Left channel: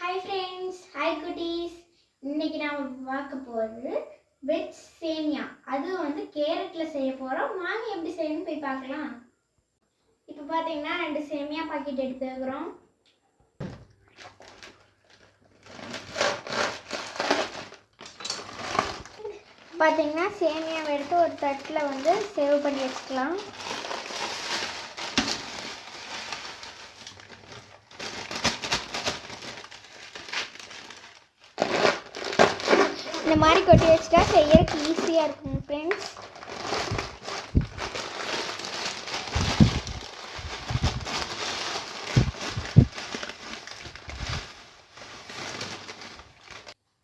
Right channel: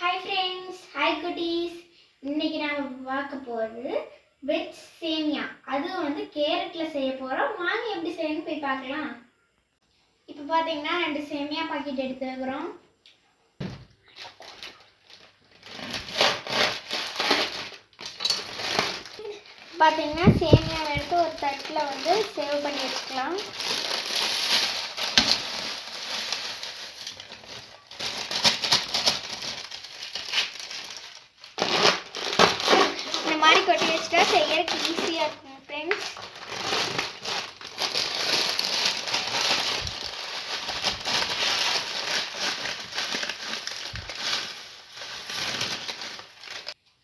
Hi friends, hi குட்டீஸ். இன்றைக்கி நாம் பார்க்க போகிறது வெஜ் சேமியா. அதுவும் வந்து கேரட்டில் செய்ய போகிறோம். வாங்க எப்படி செய்யணும்னு போய் பார்க்கலாம். இப்போ பார்த்தீங்கன்னா 2 சேமியா பாக்கெட் எடுத்து வைக்கிறோம். பார்த்தீங்கன்னா சேமியா எடுத்து ஒரு தட்டில் வந்து சேவ் பண்ணி வச்சுக்கலாம். இந்த மாதிரி கொட்டி வச்சுட்டா செய்யறதுக்கு ஈஸியாக இருக்கும் ஃப்ரெண்ட்ஸ்.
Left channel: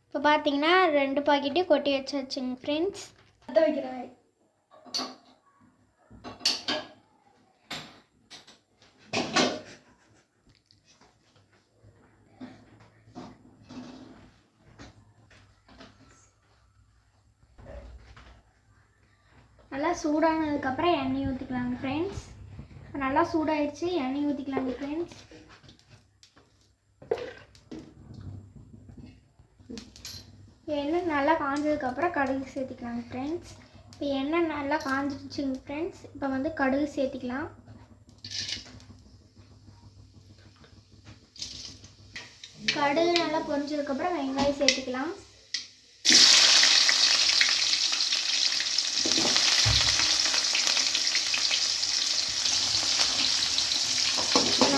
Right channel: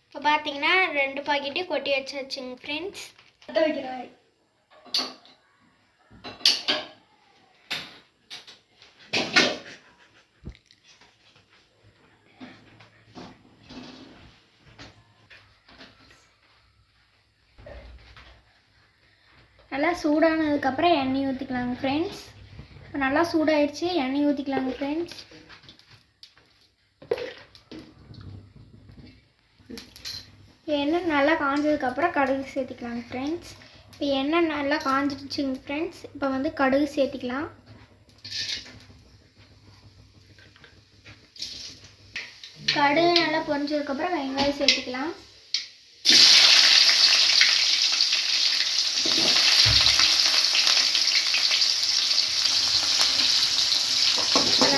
இப்போ பார்த்தீங்கன்னா 2 பாக்கெட்டையும் கொட்டி வச்சாச்சுங்க ஃப்ரெண்ட்ஸ். வைக்கிறேன். நல்லா சூடானதுக்கப்புறம் எண்ணெய் ஊற்றிக்கலாங்க ஃப்ரெண்ட்ஸ். நல்லா சூடாயிடுச்சு, எண்ணெய் ஊற்றிக்கலாங்க ஃப்ரெண்ட்ஸ். எண்ணெய் நல்லா காஞ்சதுக்கப்புறம் கடுகு சேர்த்திக்கலாங்க ஃப்ரெண்ட்ஸ். இப்போ எண்ணெய் நல்லா காஞ்சிடுச்சுங்க ஃப்ரெண்ட்ஸ். இப்போ வந்து கடுகு சேர்த்திக்கலாம். கடுகு நல்லா பொரிஞ்சதுக்கப்புறம் வெங்காயம் சேர்த்திக்கலாம்.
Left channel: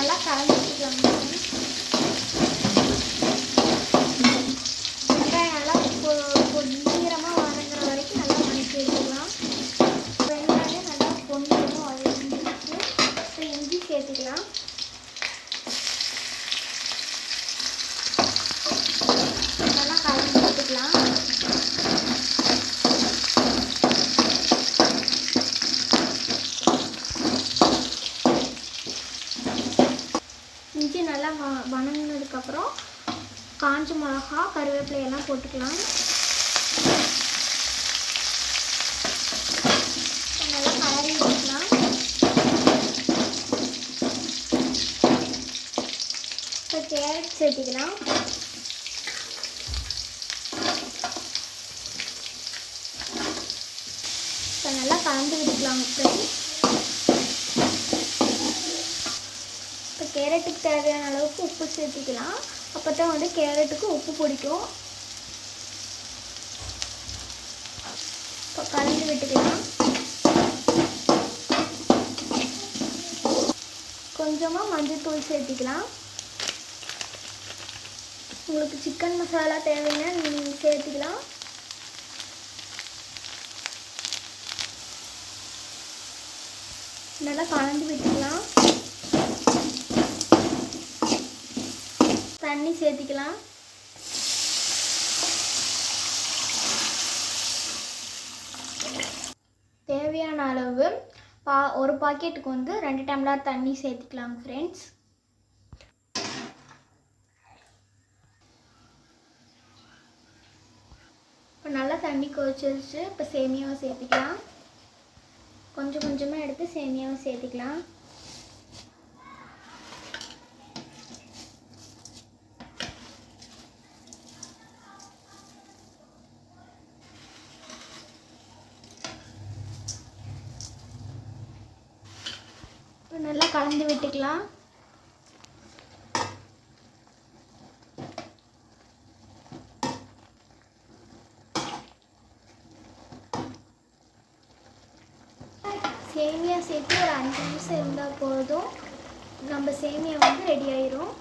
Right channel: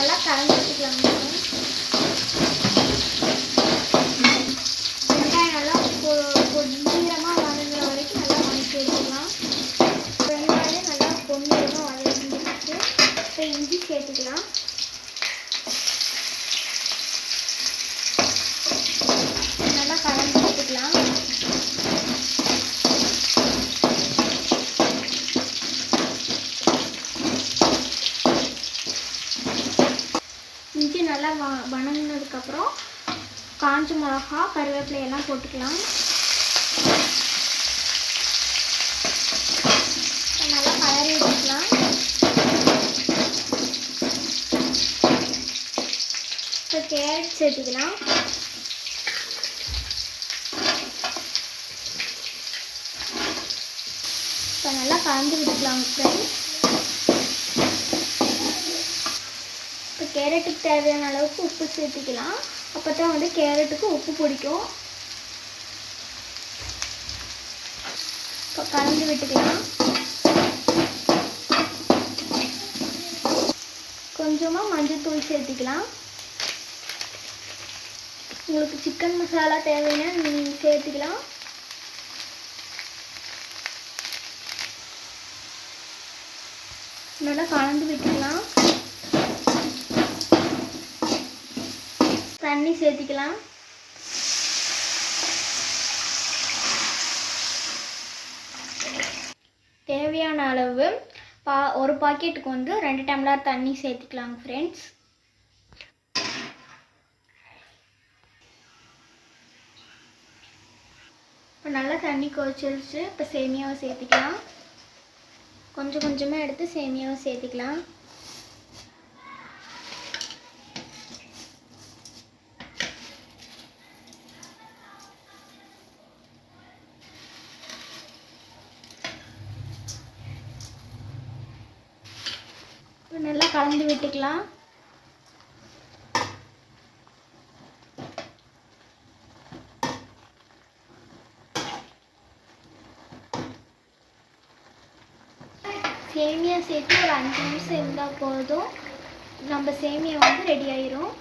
நல்லா கலந்து வச்சுக்கலாம். வெங்காயம் நல்லா பொன்னிறமாக வதங்குற வரைக்கும் நல்லா வதக்கி வச்சுக்கலாம். வெங்காயம் நல்லா பொன்னிறமாக வதங்கிடுச்சு. இப்போ இஞ்சி சேர்த்துக்கலாம். நல்லா கலந்து வச்சுக்கலாம். இஞ்சி நல்லா வணங்கினதுக்கப்புறம் காஞ்ச மிளகா, கருவேப்பிலை எல்லாம் போட்டுக்கலாம். நல்லா கலரி விட்டுக்கலாம். இப்போ கேரட் சேர்த்துக்கலாம். இப்போ நல்லா கலந்து விட்டுக்கலாம் ஃப்ரெண்ட்ஸ். இப்போ கேரட்டுக்கு தேவையான அளவுக்கு உப்பு சேர்த்துக்கலாம். அப்போ தான் வந்து கேரட்டுக்கு உப்பு பிடிக்கும். இப்போ கலந்து விட்டுக்கலாம். கொஞ்சமாக மஞ்சள்தூள் சேர்த்துக்கலாம். உங்களுக்கு சிக்கன் மசாலா தேவைன்னா நீங்கள் சேர்த்துக்கலாம். நல்லா கலந்து விட்டுக்கலாம். தண்ணி சேர்த்துக்கலாம். தேவையான அளவு ஒரு பாக்கெட்டுக்கு வந்து 2 டம்ளர் தண்ணி சேர்த்துக்கலாம் ஃப்ரெண்ட்ஸ். இப்போ நல்லா தண்ணி கொதிச்சிருச்சு. இப்போ சேமியாவை சேர்த்துக்கலாம். கொஞ்சம் கொஞ்சமாக எடுத்து சேமியாவை சேர்த்துக்கலாம். நல்லா கலந்து விட்டுக்கலாம். சேமியா சேர்த்து ஒரு 5 நிமிஷம் இருந்தால் போதும். நம்ம சேமியா வந்து ரெடி ஆயிரும்.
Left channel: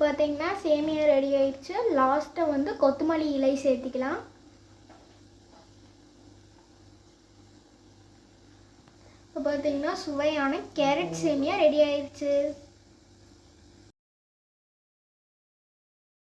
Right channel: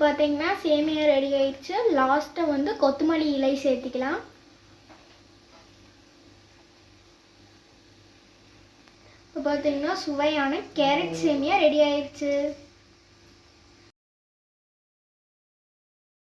பார்த்தீங்கன்னா சேமியா ரெடி ஆயிடுச்சு. லாஸ்ட்டாக வந்து கொத்தமல்லி இலை சேர்த்திக்கலாம். இப்போ பார்த்தீங்கன்னா சுவையான கேரட் சேமியா ரெடி ஆயிடுச்சு.